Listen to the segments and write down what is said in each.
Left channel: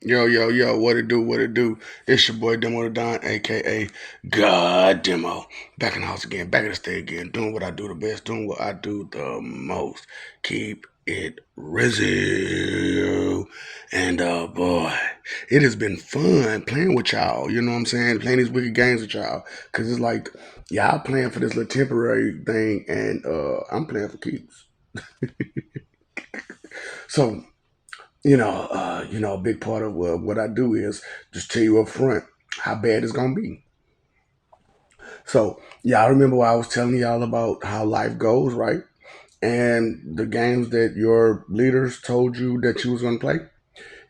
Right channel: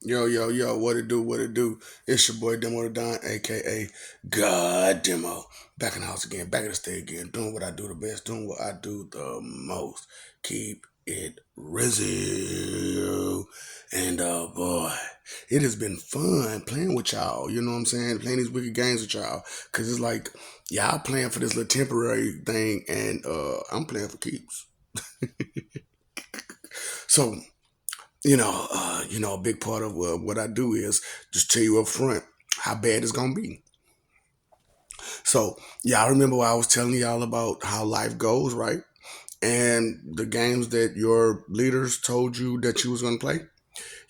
Yo, yo, yo, what it do, what it do? It's your boy Demo the Don, aka God Demo. Back in the house again, back in the state again, doing what I do the best, doing what I do the most. Keep it real. And boy, it has been fun playing with y'all. You know what I'm saying? Playing these wicked games with y'all. Cause it's like y'all playing for this little temporary thing and I'm playing for keeps. So a big part of what I do is just tell you up front how bad it's gonna be. So yeah, I remember I was telling y'all about how life goes, right? And the games that your leaders told you that you was gonna play.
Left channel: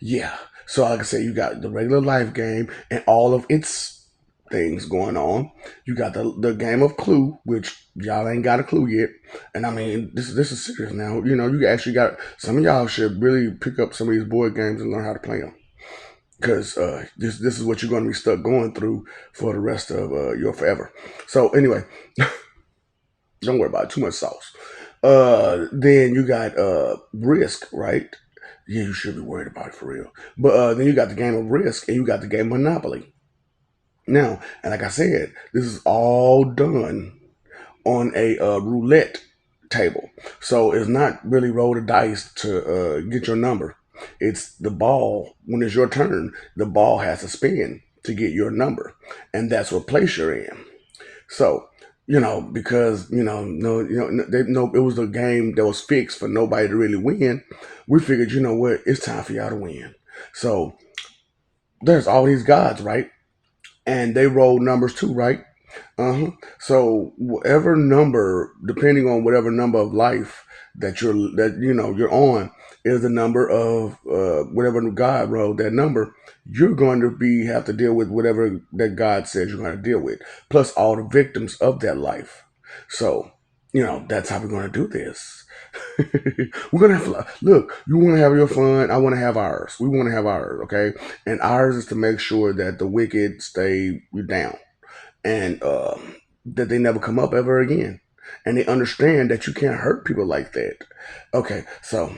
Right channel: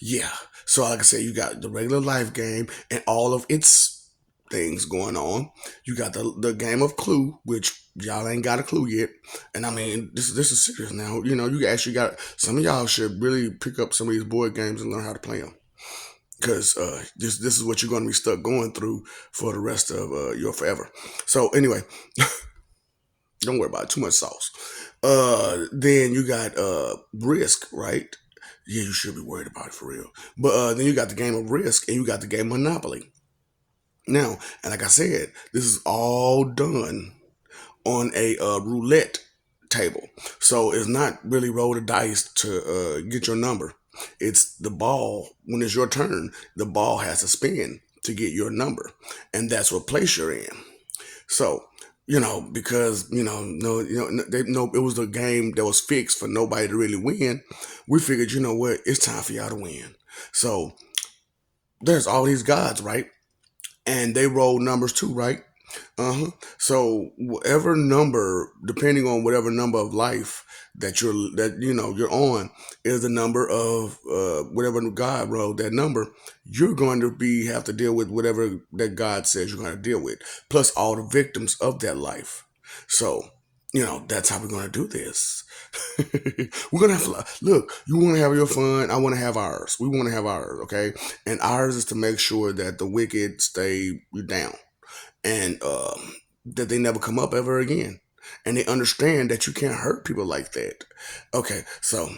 Yeah. So like I said, you got the regular life game and all of its things going on. You got the game of Clue, which y'all ain't got a clue yet. And I mean, this is serious now. You know, you actually got some of y'all should really pick up some of these board games and learn how to play them. Because this is what you're going to be stuck going through for the rest of your forever. So anyway, don't worry about it, too much sauce. Then you got Risk, right? Yeah, you should be worried about it for real. But then you got the game of Risk and you got the game Monopoly. Now, and like I said, this is all done on a roulette table. So it's not really roll the dice to get your number. It's the ball. When it's your turn, the ball has to spin to get your number, and that's what place you're in. So because it was a game that was fixed for nobody to really win. We figured, you know what, it's time for y'all to win. So there's all these gods, right? And they roll numbers too, right? Uh-huh. So whatever number, depending on whatever number of life that you're on, is the number of whatever God rolled that number. You're going to be have to deal with whatever that God says you're going to deal with, plus all the victims of that life. So that's how we're going to do this. We're gonna have look. You want to have your fun. I want to have ours. We want to have ours. Okay, and ours is to make sure that the wicked stay down and that they never come up ever again. And they understand that you can't hurt people like that. Okay, so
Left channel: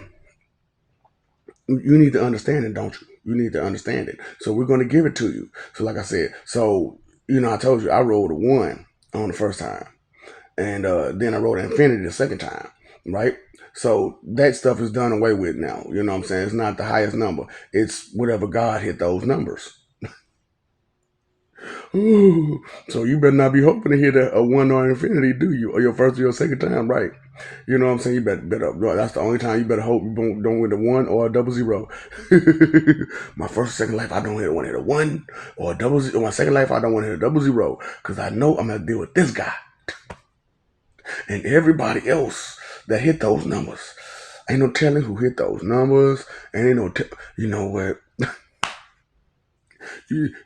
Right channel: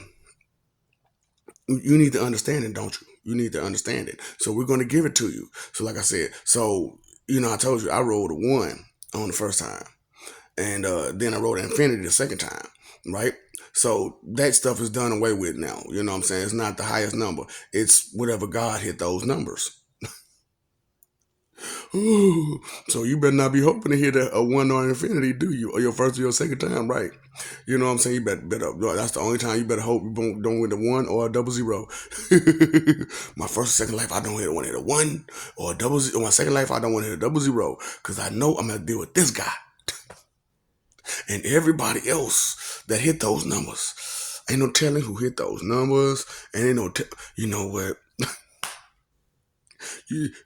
you need to understand it, don't you? You need to understand it. So we're going to give it to you. So like I said, I told you I rolled a one on the first time, and then I rolled an infinity the second time, right? So that stuff is done away with now. You know what I'm saying? It's not the highest number. It's whatever God hit those numbers. Ooh, so you better not be hoping to hit a one on infinity, do you? Or your first or your second time, right? You know what I'm saying? You better that's the only time you better hope you don't win a one or a double zero. My first or second life, I don't want to hit a one or a double zero. My second life, I don't want to hit a double zero because I know I'm gonna deal with this guy and everybody else that hit those numbers. Ain't no telling who hit those numbers, and ain't no, you know what?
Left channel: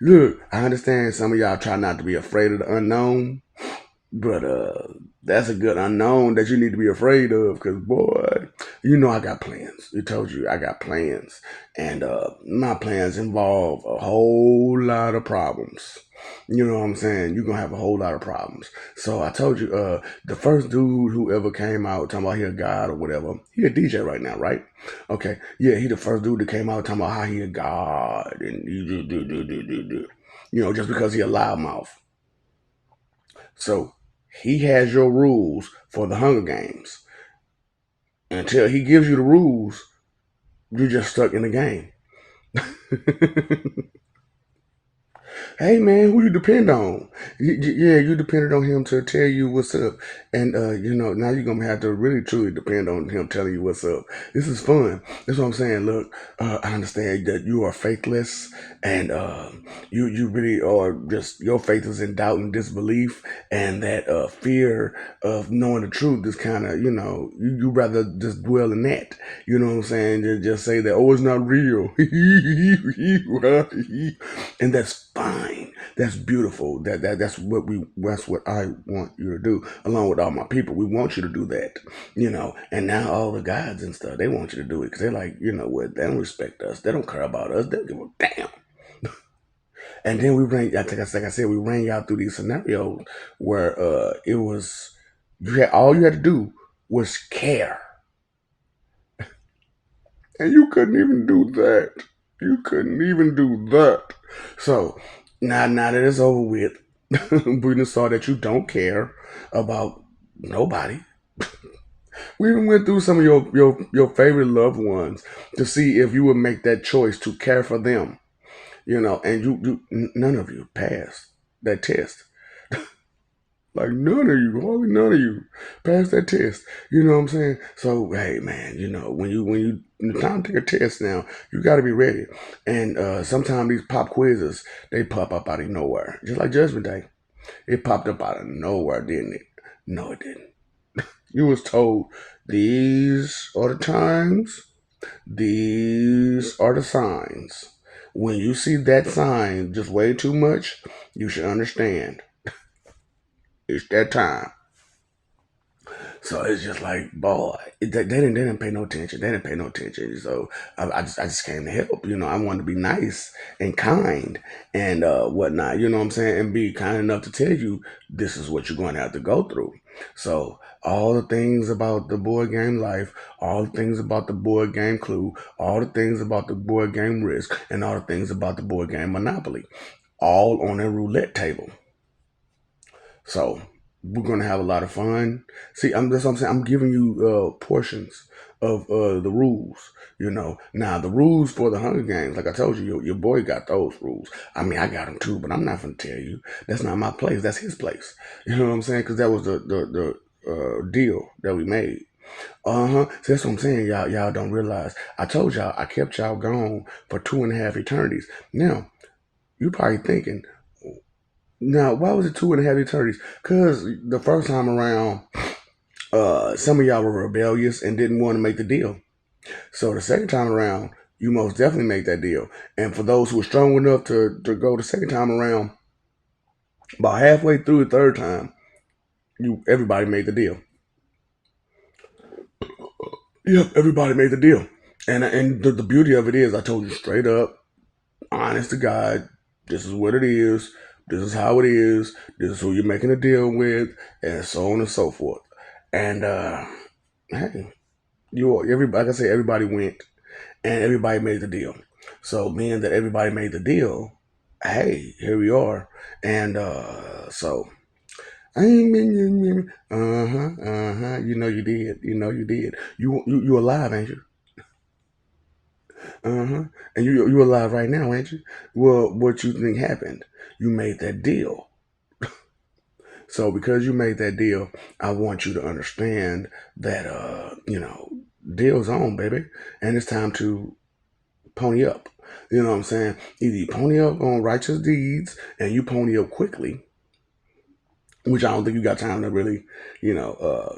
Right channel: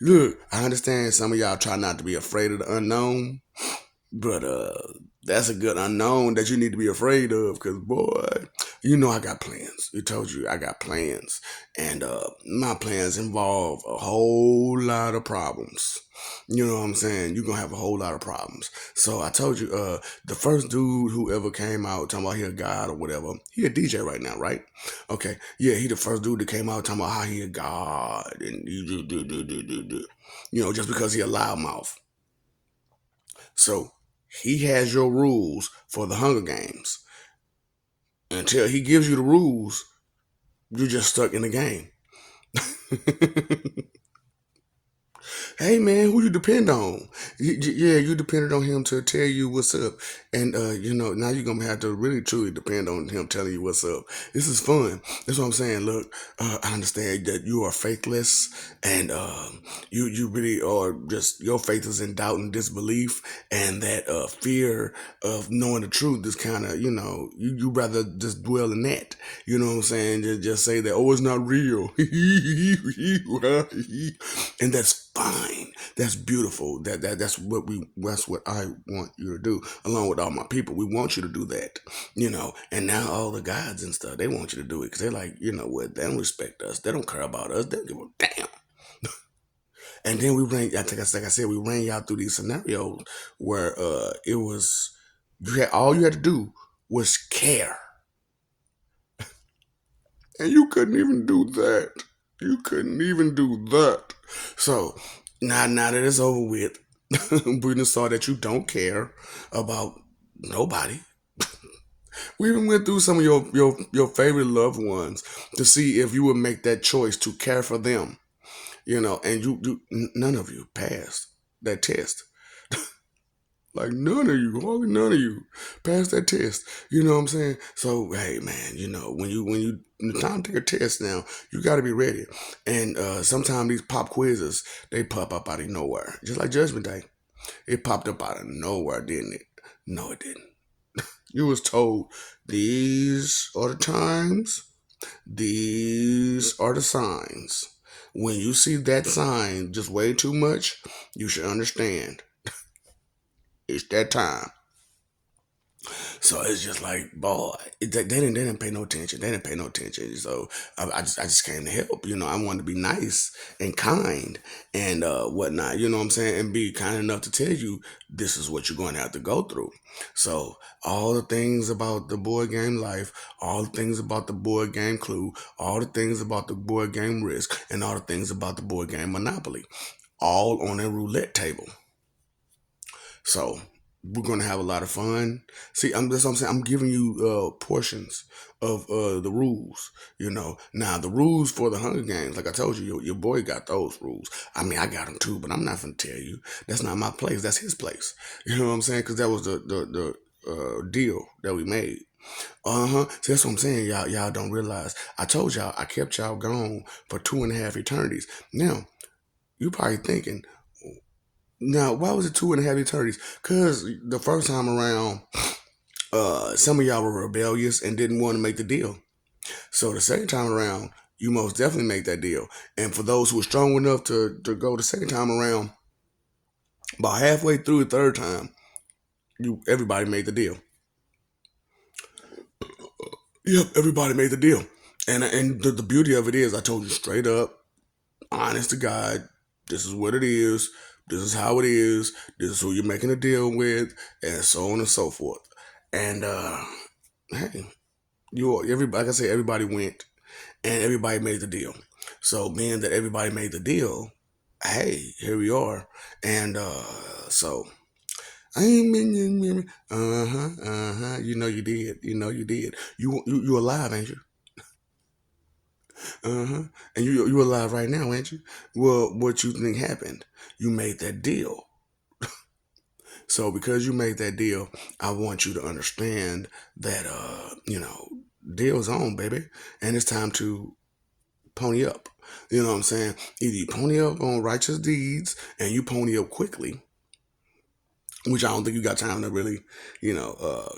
Look, I understand some of y'all try not to be afraid of the unknown, but that's a good unknown that you need to be afraid of. Cause boy, I got plans. It told you I got plans, and my plans involve a whole lot of problems. You know what I'm saying? You're gonna have a whole lot of problems. So I told you, the first dude who ever came out talking about he a god or whatever, he a DJ right now, right? Okay, yeah, he the first dude that came out talking about how he a god and you do. Just because he a loudmouth. So he has your rules for the Hunger Games. Until he gives you the rules, you're just stuck in the game. Hey man, who you depend on? Yeah, you depended on him to tell you what's up, and now you're gonna have to really truly depend on him telling you what's up. This is fun. That's what I'm saying. Look, I understand that you are faithless, and you really are just your faith is in doubt and disbelief, and that fear of knowing the truth is kind of you rather just dwell in that. You know what I'm saying? Just say that it's not real, and that's fine. That's beautiful. That's what I want you to do, along with all my people. We want you to do that, And now all the gods and stuff, they want you to do it because they're like, you know what? They don't respect us. They don't care about us. They don't give a damn. And then we ran. Like I said, we ran y'all through these scenarios where it was all you had to do was care, and you couldn't even do that. You couldn't even do that. So now that it's over with, we just saw that you don't care about nobody. We even went through some of your favorite loved ones to see if you would make that choice to care for them. And none of you passed that test. Like none of you, hardly none of you passed that test. You know what I'm saying? So hey man, when the time to take a test now, you gotta be ready. And sometimes these pop quizzes, they pop up out of nowhere. Just like Judgment Day. It popped up out of nowhere, didn't it? No, it didn't. You was told these are the times, these are the signs. When you see that sign just way too much, you should understand it's that time. So it's just like, boy, they didn't pay no attention. They didn't pay no attention. So I just came to help. I wanted to be nice and kind and whatnot. You know what I'm saying? And be kind enough to tell you this is what you're going to have to go through. So all the things about the board game life, all the things about the board game Clue, all the things about the board game Risk, and all the things about the board game Monopoly, all on a roulette table. So we're gonna have a lot of fun. See, that's what I'm saying. I'm giving you portions of the rules. Now the rules for the Hunger Games, like I told you, your boy got those rules. I mean, I got them too, but I'm not gonna tell you. That's not my place. That's his place. You know what I'm saying? Because that was the deal that we made. So that's what I'm saying. Y'all don't realize. I told y'all I kept y'all gone for 2.5 eternities. Now you probably thinking, now, why was it 2.5 eternities? Because the first time around, some of y'all were rebellious and didn't want to make the deal. So the second time around, you most definitely make that deal. And for those who were strong enough to go the second time around, about halfway through the third time, everybody made the deal. Yep, everybody made the deal. And the beauty of it is, I told you straight up, honest to God, this is what it is. This is how it is. This is who you're making a deal with, and so on and so forth. And hey, everybody, like I said, everybody went, and everybody made the deal. So being that everybody made the deal, hey, here we are. And so I ain't been, uh-huh. You know you did. You know you did. You alive, ain't you? Uh-huh. And you alive right now, ain't you? Well, what you think happened? You made that deal. So because you made that deal, I want you to understand that deal's on, baby. And it's time to pony up. You know what I'm saying? Either you pony up on righteous deeds and you pony up quickly, which I don't think you got time to really,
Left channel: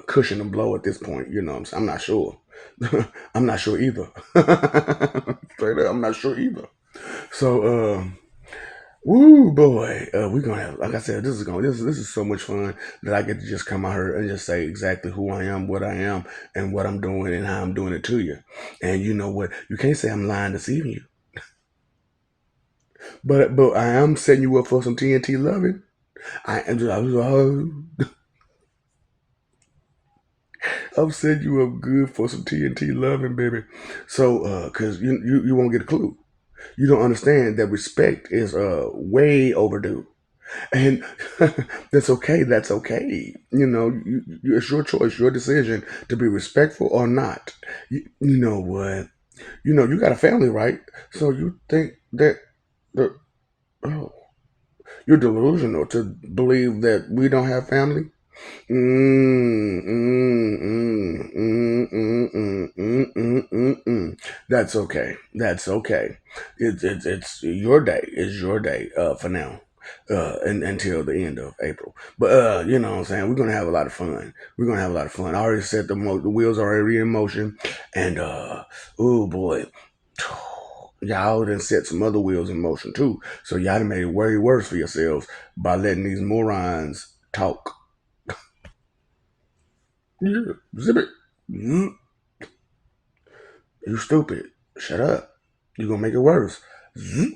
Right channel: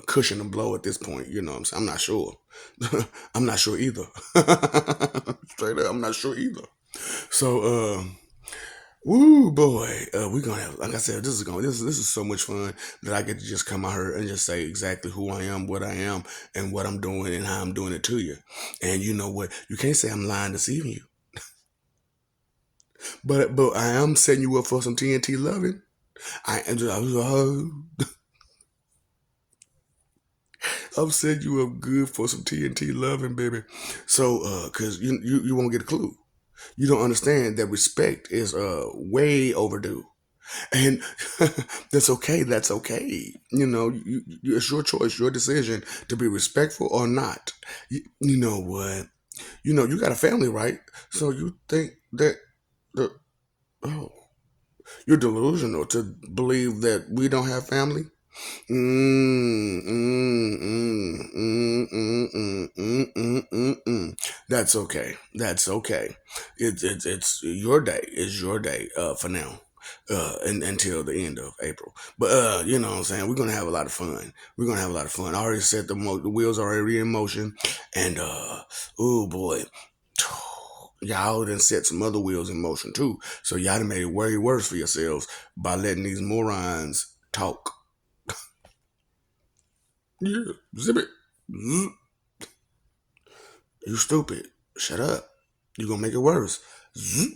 cushion and blow at this point. You know what I'm saying? I'm not sure. I'm not sure either. Straight up, I'm not sure either. So, woo boy, we're gonna have, like I said, this is so much fun that I get to just come out here and just say exactly who I am, what I am, and what I'm doing and how I'm doing it to you. And you know what? You can't say I'm lying, deceiving you, but I am setting you up for some TNT loving. I'm setting you up good for some TNT loving, baby. So, cause you won't get a clue. You don't understand that respect is way overdue. And that's okay. That's okay. It's your choice, your decision to be respectful or not. You know what? You got a family, right? So you think that the oh, you're delusional to believe that we don't have family. That's okay. That's okay. It's your day. It's your day. For now. And until the end of April. But you know what I'm saying? We're gonna have a lot of fun. We're gonna have a lot of fun. I already set the wheels are already in motion, and oh boy, y'all done set some other wheels in motion too. So y'all done made it way worse for yourselves by letting these morons talk. Yeah, zip it. Zzz. You stupid. Shut up. You gonna make it worse. Zzz.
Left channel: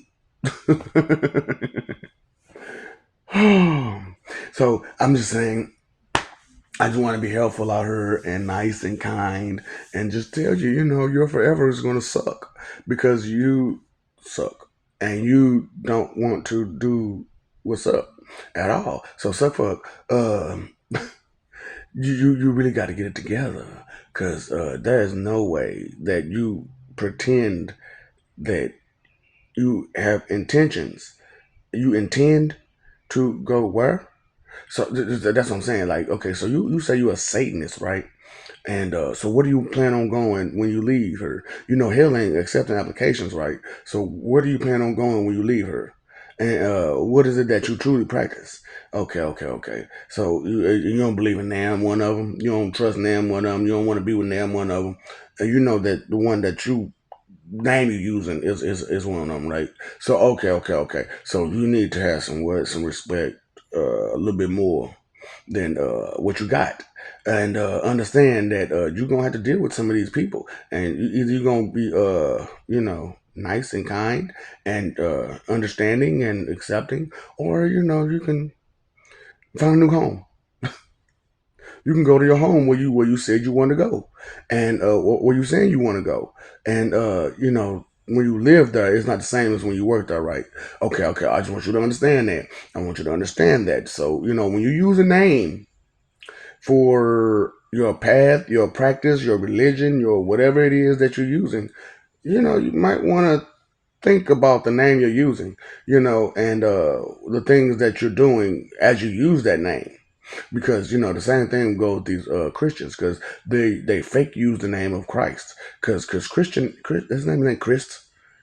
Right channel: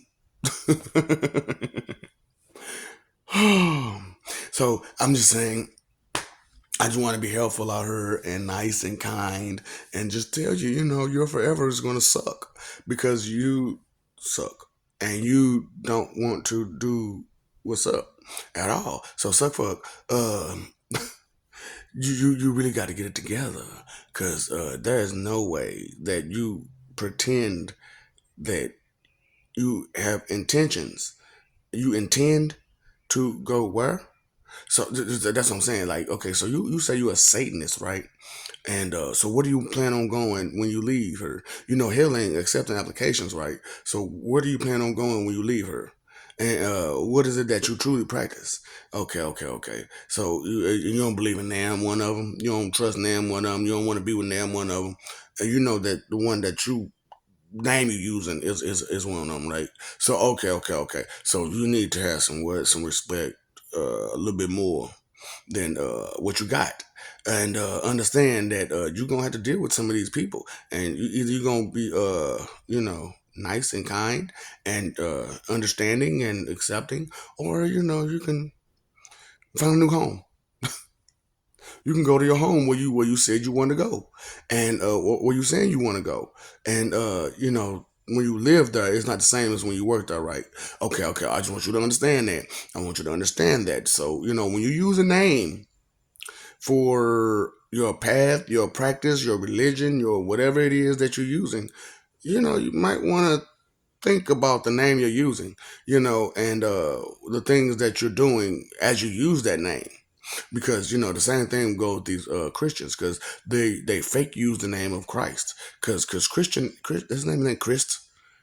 So I'm just saying, I just want to be helpful out here and nice and kind and just tell you, your forever is gonna suck because you suck, and you don't want to do what's up at all. So suck fuck. You really got to get it together, because there is no way that you pretend that you have intentions. You intend to go where? So that's what I'm saying. Like, okay, so you say you're a Satanist, right? And so, what do you plan on going when you leave her? You know, hell ain't accepting applications, right? So, where do you plan on going when you leave her? And what is it that you truly practice? Okay, okay, okay. So you don't believe in Nam, one of them. You don't trust Nam, one of them. You don't want to be with Nam, one of them. And you know that the one that you name you're using is one of them, right? So okay, okay, okay. So you need to have some words, some respect, a little bit more than what you got, and understand that you're gonna have to deal with some of these people, and either you're gonna be nice and kind and understanding and accepting, or you can find a new home. You can go to your home where you said you want to go, and where you saying you want to go, and when you live there, it's not the same as when you work there, right? Okay, okay. I just want you to understand that. I want you to understand that. So when you use a name for your path, your practice, your religion, your whatever it is that you're using, you might want to think about the name you're using, and the things that you're doing as you use that name, because the same thing goes with these Christians, because they fake use the name of Christ, because his name ain't Christ,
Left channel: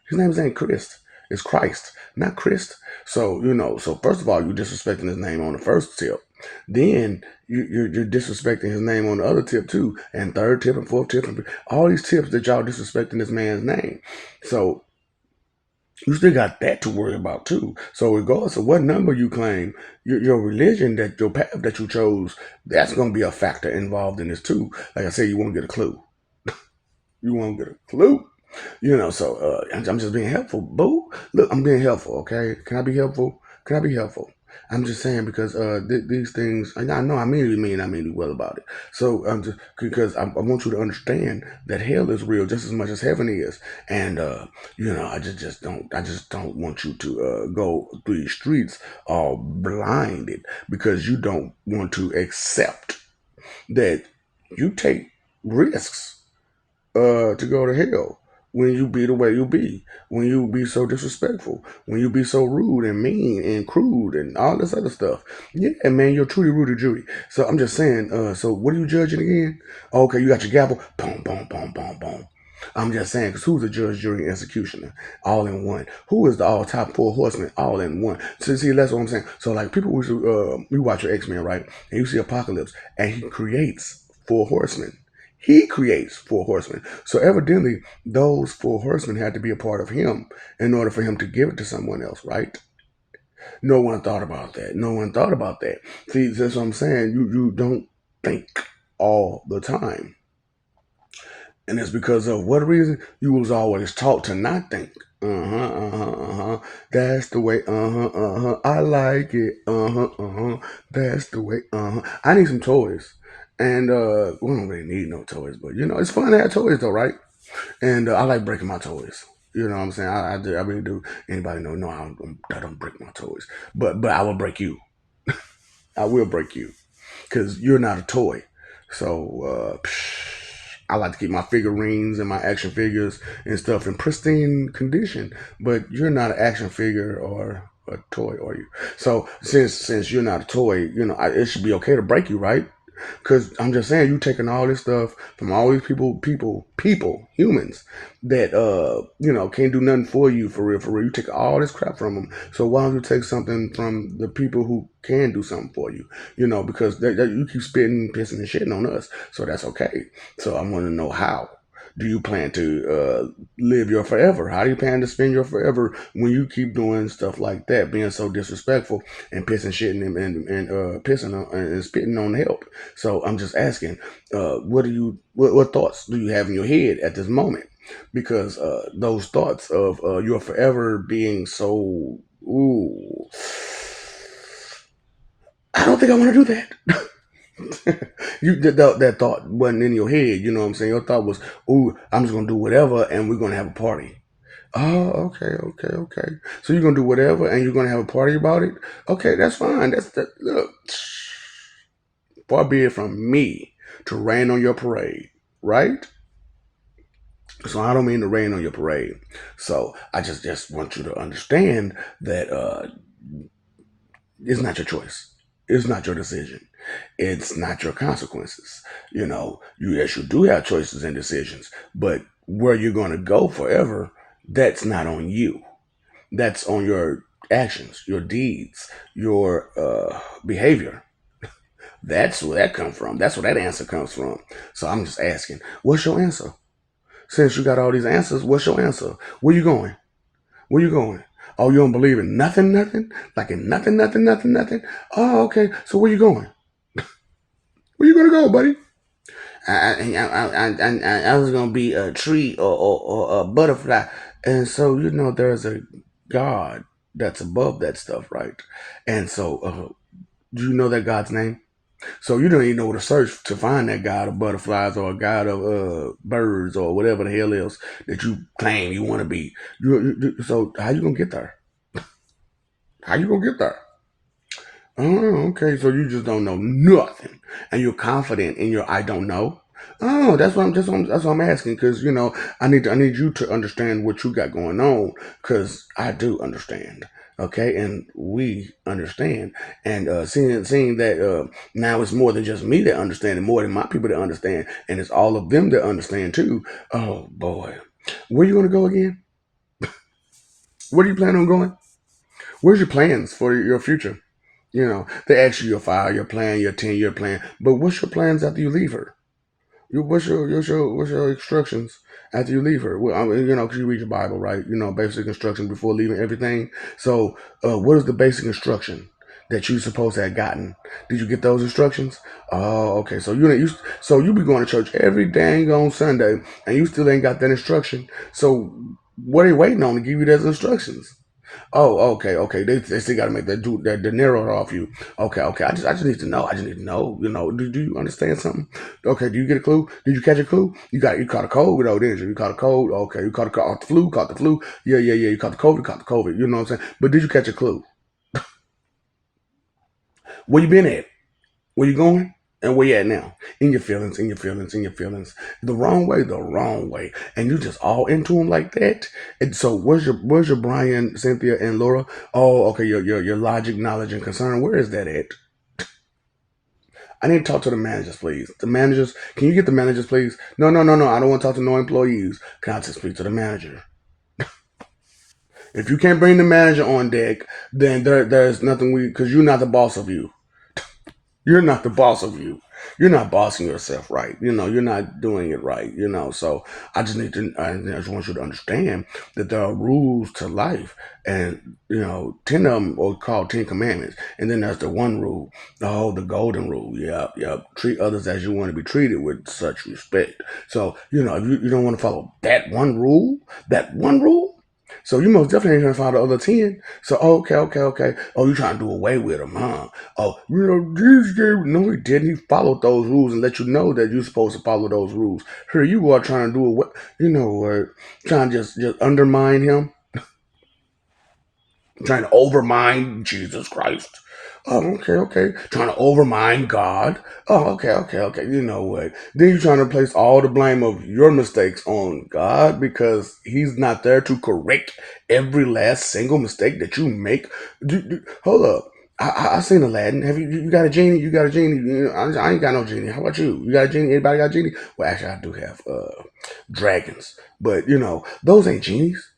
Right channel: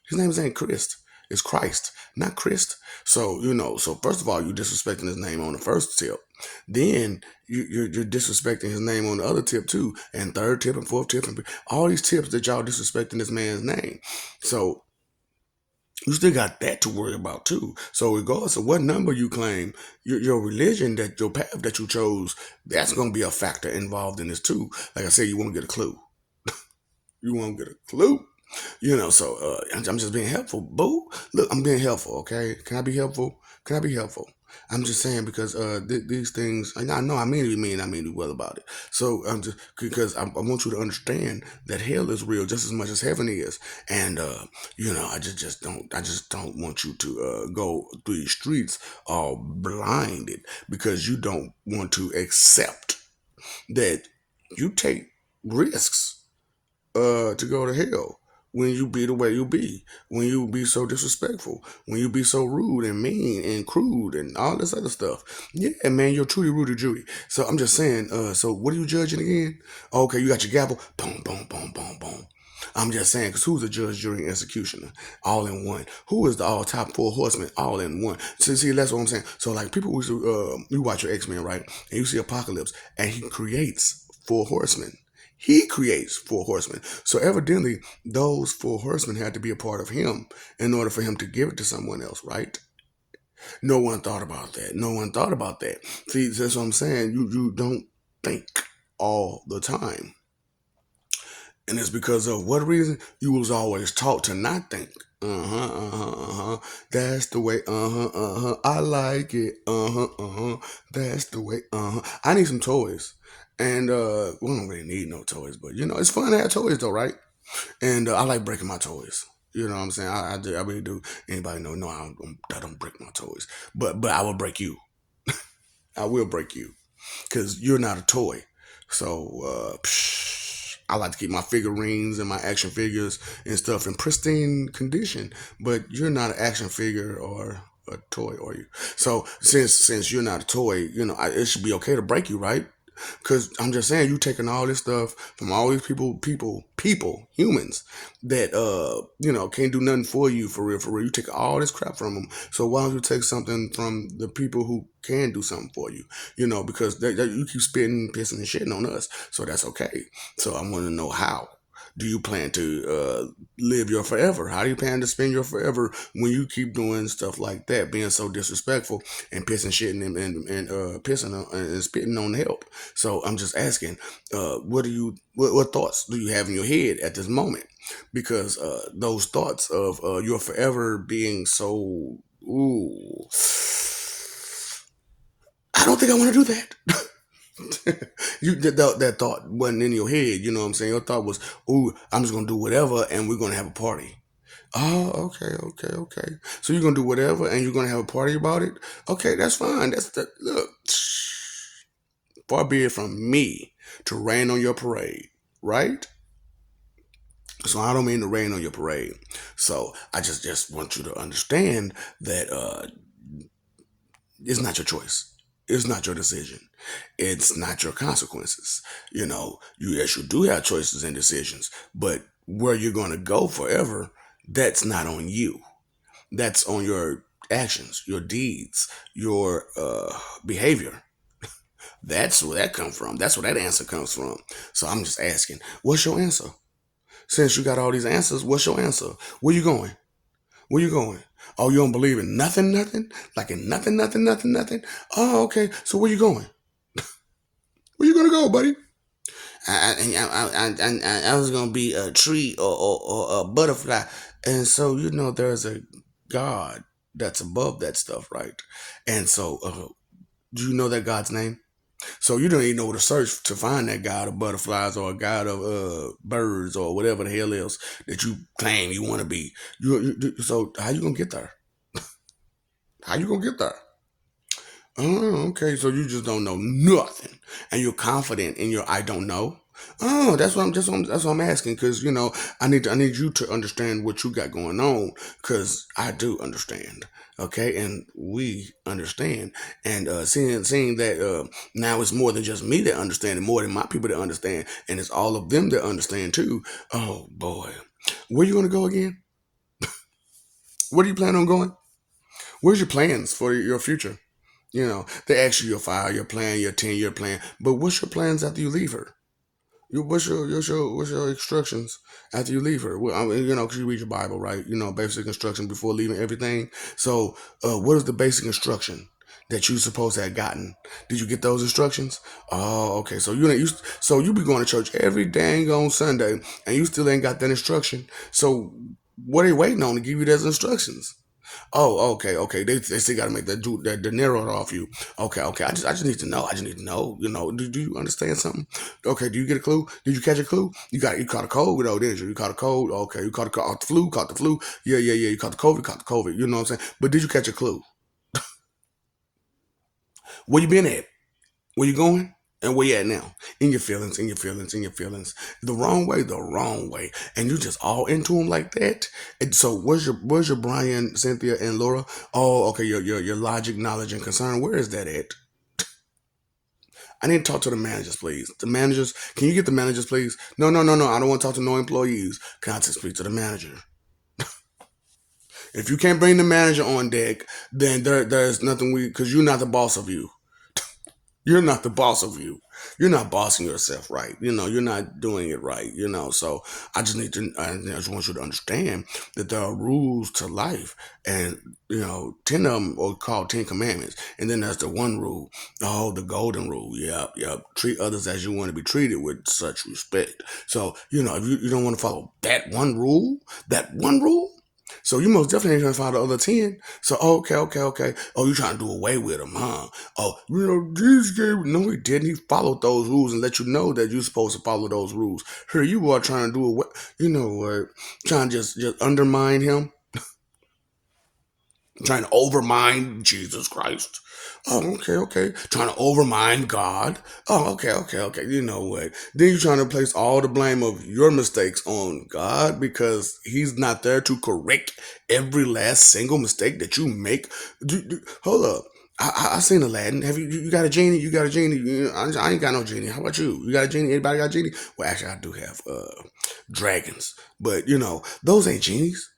his name ain't Christ, it's Christ, not Christ. So so first of all, you're disrespecting his name on the first tip, then you're disrespecting his name on the other tip too, and third tip and fourth tip, and all these tips that y'all disrespecting this man's name. So you still got that to worry about too. So regardless of what number you claim, your religion, that your path that you chose, that's going to be a factor involved in this too. Like I said, you won't get a clue. You won't get a clue. So I'm just being helpful, boo. Look, I'm being helpful, okay? Can I be helpful? Can I be helpful? I'm just saying, because these things, and I know I mean to mean, I mean well about it. So I'm just, because I want you to understand that hell is real just as much as heaven is, and I just don't want you to go through the streets all blinded, because you don't want to accept that you take risks to go to hell when you be the way you be, when you be so disrespectful, when you be so rude and mean and crude and all this other stuff. Yeah, man, you're truly rude to Judy. So I'm just saying, so what are you judging again? Okay, you got your gavel. Boom, boom, boom, boom, boom. I'm just saying, because who's the judge, jury, and executioner? All in one. Who is the all top four horsemen? All in one. So, see, that's what I'm saying. So, like, people, you watch your X-Men, right? And you see Apocalypse, and he creates four horsemen. He creates four horsemen. So evidently, those four horsemen had to be a part of him in order for him to give it to someone else, right? No one thought about that. No one thought about that. See, that's what I'm saying. You don't think all the time. And it's because of what reason? You was always taught to not think. That's the way. I like it. That's the way. I need some toys. And we don't really need no toys, but it's fun to have toys though, right? And I like breaking my toys. You know what I'm saying? I really do. Anybody know? No, I don't break my toys, but I will break you. I will break you, because you're not a toy. So I like to keep my figurines and my action figures and stuff in pristine condition. But you're not an action figure or a toy, are you? So since you're not a toy, it should be okay to break you, right? Because I'm just saying, you taking all this stuff from all these people, humans that can't do nothing for you, for real, for real. You take all this crap from them. So why don't you take something from the people who can do something for you? Because you keep spitting, pissing, and shitting on us. So that's okay. So I want to know, how do you plan to live your forever? How do you plan to spend your forever when you keep doing stuff like that, being so disrespectful and pissing, shitting, and pissing on, and spitting on help? So I'm just asking, what thoughts do you have in your head at this moment? Because those thoughts of your forever being so, ooh, I don't think I want to do that. That thought wasn't in your head. You know what I'm saying? Your thought was, "Ooh, I'm just gonna do whatever, and we're gonna have a party." Oh, okay, okay, okay. So you're gonna do whatever, and you're gonna have a party about it. Okay, that's fine. That's the look. Far be it from me to rain on your parade, right? So I don't mean to rain on your parade. So I just want you to understand that it's not your choice. It's not your decision. It's not your consequences. You yes, you do have choices and decisions, but where you're going to go forever, that's not on you. That's on your actions, your deeds, your behavior. That's where that comes from. That's where that answer comes from. So I'm just asking, what's your answer? Since you got all these answers, what's your answer? Where you going? Where you going? Oh, you don't believe in nothing, nothing? Like in nothing, nothing, nothing, nothing? Oh, okay. So where you going? Where you gonna go, buddy? I was gonna be a tree or a butterfly, and so there's a God that's above that stuff, right? And so, do you know that God's name? So you don't even know where to search to find that God of butterflies or a God of birds or whatever the hell else that you claim you want to be. So how you gonna get there? How you gonna get there? Oh, okay. So you just don't know nothing, and you're confident in your "I don't know." Oh, that's what I'm asking because I need you to understand what you got going on because I do understand. Okay, and we understand, and seeing that now it's more than just me that understand, and more than my people that understand, and it's all of them that understand too. Oh boy, where you gonna go again? Where do you plan on going? Where's your plans for your future? They ask you your 5-year plan, your 10-year plan, but what's your plans after you leave her? What's your instructions after you leave her? Well, I mean, 'cause you read your Bible, right? Basic instructions before leaving everything. So, what is the basic instruction that you supposed to have gotten? Did you get those instructions? Oh, okay. So you be going to church every dang on Sunday, and you still ain't got that instruction. So, what are you waiting on to give you those instructions? Oh, okay, okay. They still got to make that dinero off you. Okay, okay. I just need to know. I just need to know. Do you understand something? Okay. Do you get a clue? Did you catch a clue? You caught a cold though, didn't you? You caught a cold. Okay. You caught the flu. Caught the flu. Yeah, yeah, yeah. You caught the COVID. Caught the COVID. You know what I'm saying? But did you catch a clue? Where you been at? Where you going? And where you at now? In your feelings, in your feelings, in your feelings. The wrong way, the wrong way. And you just all into them like that. And so where's your Brian, Cynthia, and Laura? Oh, okay, your logic, knowledge, and concern. Where is that at? I need to talk to the managers, please. The managers, can you get the managers, please? No, no, no, no. I don't want to talk to no employees. Can I just speak to the manager? If you can't bring the manager on deck, then there's nothing because you're not the boss of you. You're not the boss of you. You're not bossing yourself right. You're not doing it right. So I just want you to understand that there are rules to life, and 10 of them are called 10 Commandments, and then there's the one rule. Oh, the golden rule. Yep, yep. Treat others as you want to be treated with such respect. So if you don't want to follow that one rule. So you most definitely ain't trying to follow the other 10. So okay, okay, okay. Oh, you trying to do away with them, huh? Oh, Jesus gave no, he didn't. He followed those rules and let you know that you're supposed to follow those rules. Here you are trying to do what trying to just undermine him, trying to overmine Jesus Christ. Oh, okay, okay. Trying to overmine God. Oh, okay, okay, okay. You know what? Then you're trying to place all the blame of your mistakes on God because He's not there to correct every last single mistake that you make. Hold up. I seen Aladdin. Have you got a genie? You got a genie? I ain't got no genie. How about you? You got a genie? Anybody got a genie? Well, actually, I do have dragons, but those ain't genies.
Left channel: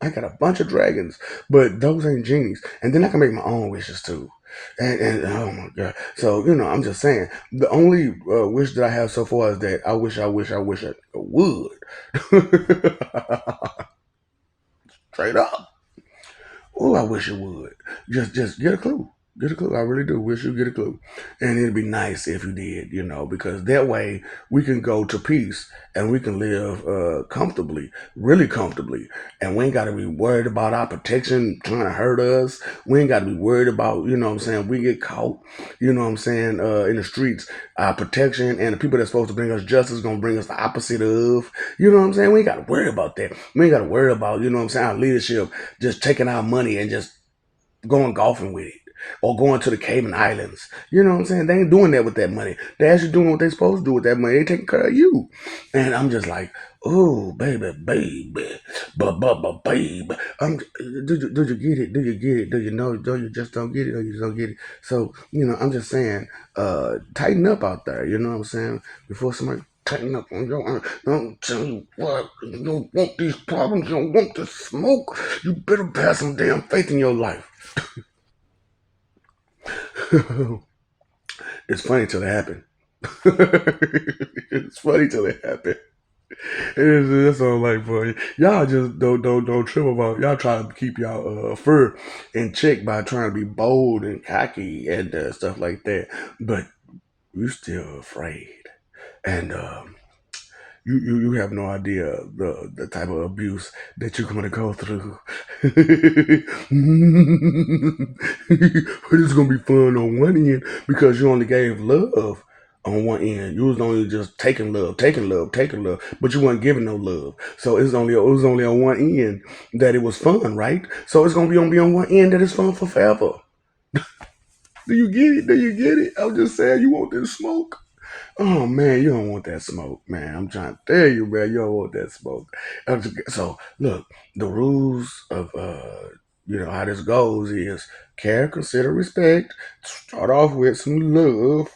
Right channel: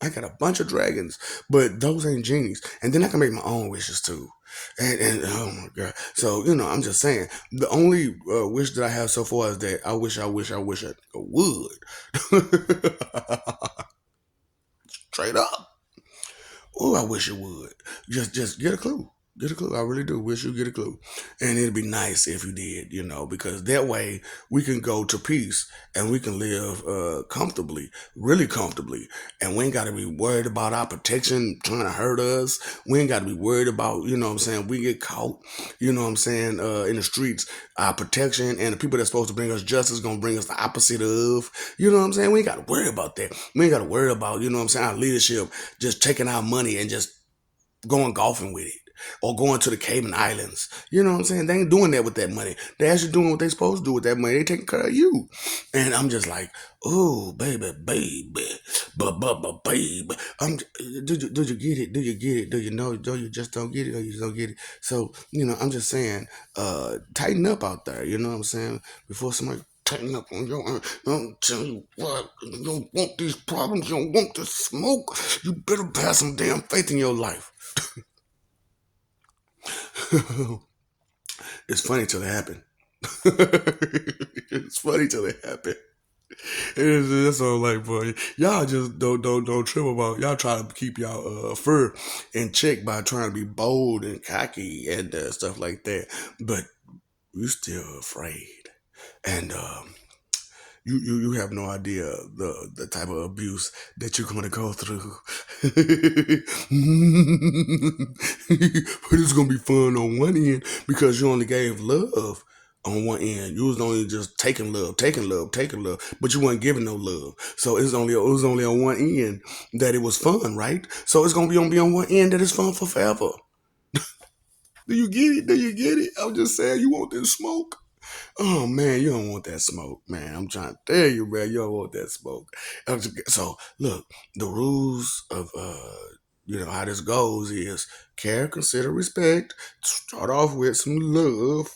I got a bunch of dragons, but those ain't genies. And then I can make my own wishes too. And oh my god. So, I'm just saying, the only wish that I have so far is that I wish I would. Straight up. Oh, I wish it would. Just get a clue. Get a clue. I really do. Wish you get a clue. And it'd be nice if you did, because that way we can go to peace and we can live comfortably, really comfortably. And we ain't got to be worried about our protection trying to hurt us. We ain't got to be worried about, what I'm saying, we get caught, what I'm saying, in the streets. Our protection and the people that's supposed to bring us justice going to bring us the opposite of, what I'm saying? We ain't got to worry about that. We ain't got to worry about, what I'm saying, our leadership just taking our money and just going golfing with it or going to the Cayman Islands. You know what I'm saying? They ain't doing that with that money. They actually doing what they supposed to do with that money. They taking care of you. And I'm just like, oh, baby, baby. Do you get it? Do you get it? Do you know? Do you just don't get it or you just don't get it? So, I'm just saying, tighten up out there. You know what I'm saying? Before somebody tighten up on your I'm tell you what, you don't want these problems, you don't want this smoke. You better have some damn faith in your life. It's funny till it happen. It's funny till it happen. It's all like, boy, y'all just don't trip about y'all trying to keep y'all fur in check by trying to be bold and cocky and stuff like that, but you still afraid. And you have no idea the type of abuse that you're gonna go through. But it's gonna be fun on one end because you only gave love on one end. You was only just taking love, taking love, taking love, but you weren't giving no love. So it was only on one end that it was fun, right? So it's gonna be on one end that it's fun for forever. Do you get it? Do you get it? I'm just saying you want this smoke. Oh man, you don't want that smoke, man. I'm trying to tell you, man, you don't want that smoke. So look, the rules of how this goes is care, consider, respect. Start off with some love,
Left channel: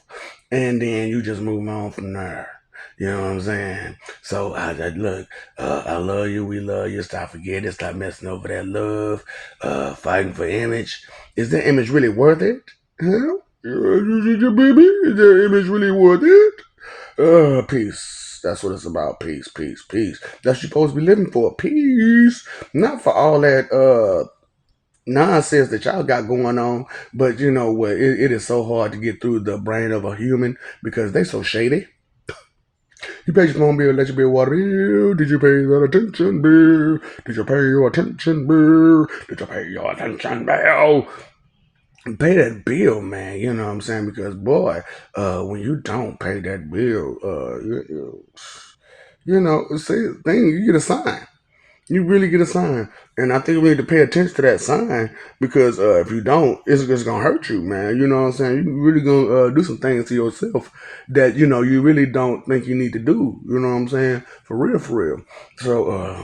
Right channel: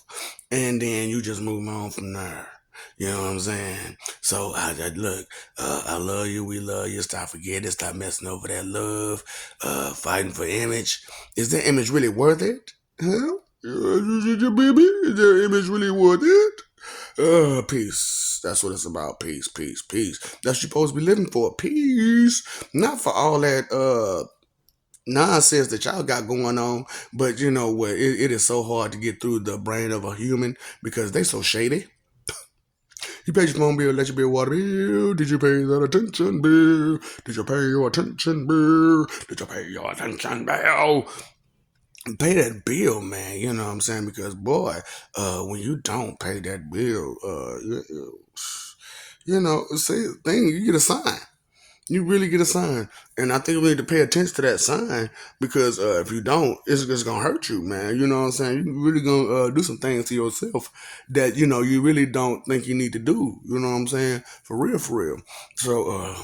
and then you just move on from there. You know what I'm saying? So look, I love you, we love you. Stop forgetting, stop messing over that love, fighting for image. Is that image really worth it? Huh? Baby, is that image really worth it? Peace. That's what it's about. Peace, peace, peace. That's what you're supposed to be living for. Peace. Not for all that nonsense that y'all got going on. But you know what? It is so hard to get through the brain of a human because they so shady. You paid your phone bill, let your bill, water bill. Did you pay that attention bill? Did you pay your attention bill? Did you pay your attention bill? Pay that bill, man. You know what I'm saying? Because boy, when you don't pay that bill, see, thing you get a sign. You really get a sign, and I think we need to pay attention to that sign because if you don't, it's just gonna hurt you, man. You know what I'm saying? You really gonna do some things to yourself that you really don't think you need to do. You know what I'm saying? For real, for real. So,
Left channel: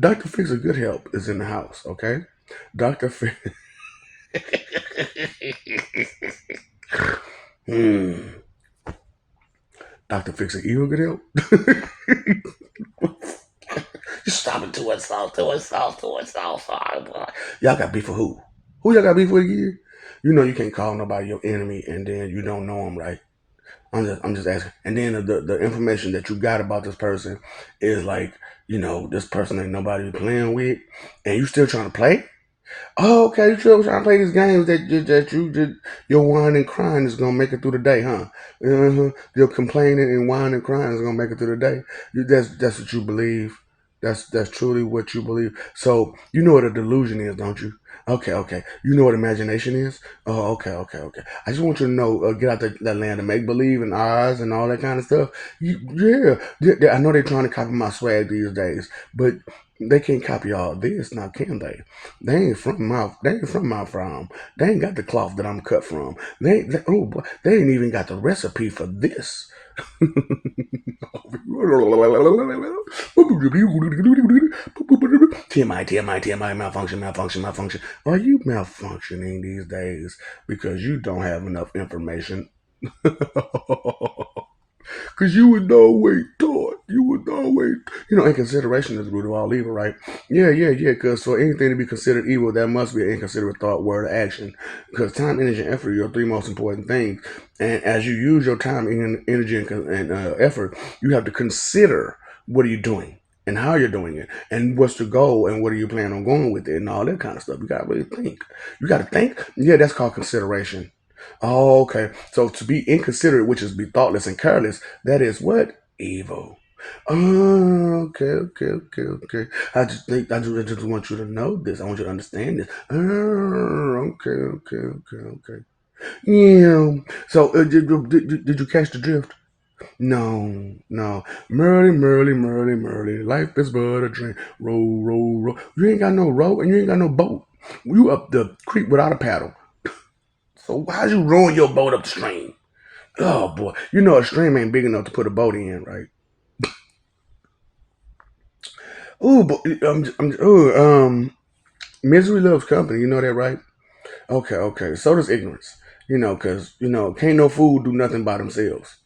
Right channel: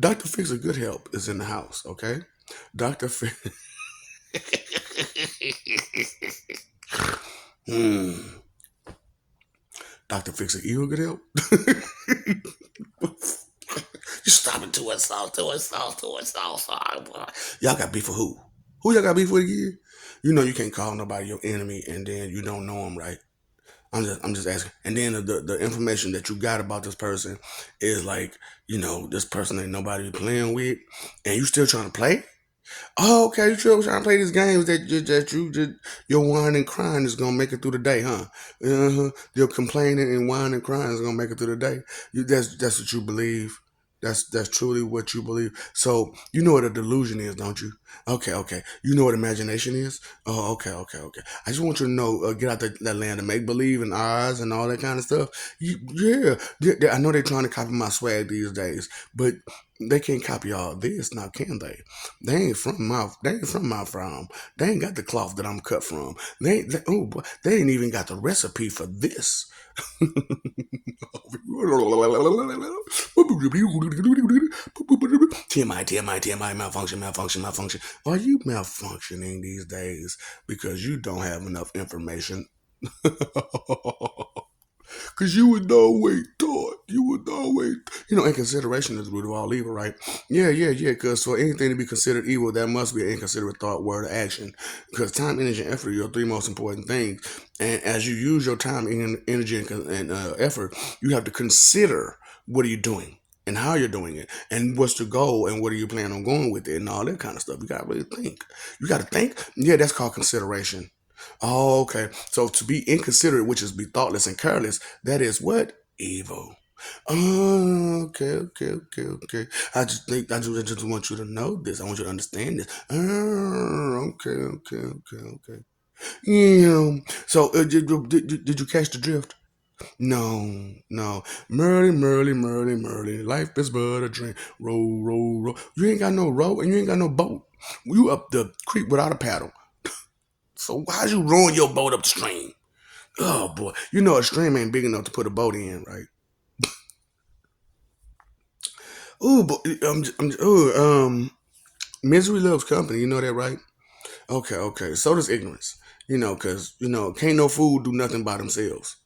Dr. Fix a Good Help is in the house. Okay, Dr. Fix. Hmm. Dr. Fix a Evil Good Help. You stop it to us, to us. Y'all got beef for who? Who y'all got beef with again? You know you can't call nobody your enemy and then you don't know them, right? I'm just asking. And then the information that you got about this person is like, this person ain't nobody be playing with, and you still trying to play? Oh, okay. You still trying to play these games that you just your whining and crying is gonna make it through the day, huh? Your complaining and whining and crying is gonna make it through the day. That's what you believe. That's truly what you believe. So you know what a delusion is, don't you? Okay, okay. You know what imagination is? Oh, okay, okay, okay. I just want you to know, get out that land of make believe and Oz and all that kind of stuff. I know they're trying to copy my swag these days, but they can't copy all this now, can they? They ain't from my farm. They ain't got the cloth that I'm cut from. Oh boy, they ain't even got the recipe for this. TMI, malfunction. Are you malfunctioning these days because you don't have enough information? Because you would always thought, inconsideration is the root of all evil, right? Yeah, yeah, yeah. Because for anything to be considered evil, that must be an inconsiderate thought, word, or action. Because time, energy, and effort are your three most important things. And as you use your time, energy, and effort, you have to consider what are you doing. and how you're doing it and what's the goal and what are you planning on going with it and all that kind of stuff. You gotta really think. You gotta think. Yeah, that's called consideration. Oh, okay. So to be inconsiderate, which is be thoughtless and careless, that is what? Evil. Oh, okay, okay, okay, okay. I just want you to know this. I want you to understand this. Oh, okay, okay, okay, okay. Yeah. So did you catch the drift? No, no. Merly, Merly, Merly, Merly. Life is but a dream. Row, row, row. You ain't got no row and you ain't got no boat. You up the creek without a paddle. So how'd you rowing your boat up the stream? Oh boy, you know a stream ain't big enough to put a boat in, right? Ooh, but misery loves company. You know that, right? Okay, okay. So does ignorance. Cause can't no fool do nothing by themselves.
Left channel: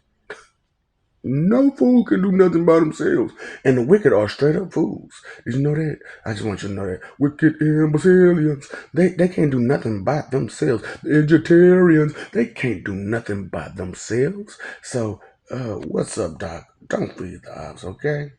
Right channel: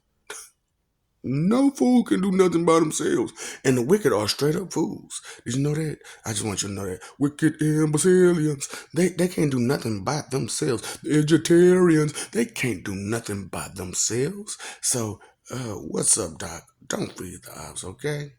No fool can do nothing by themselves. And the wicked are straight up fools. Did you know that? I just want you to know that. Wicked imbecilians. They can't do nothing by themselves. The vegetarians, they can't do nothing by themselves. So, what's up, Doc? Don't feed the ops, okay?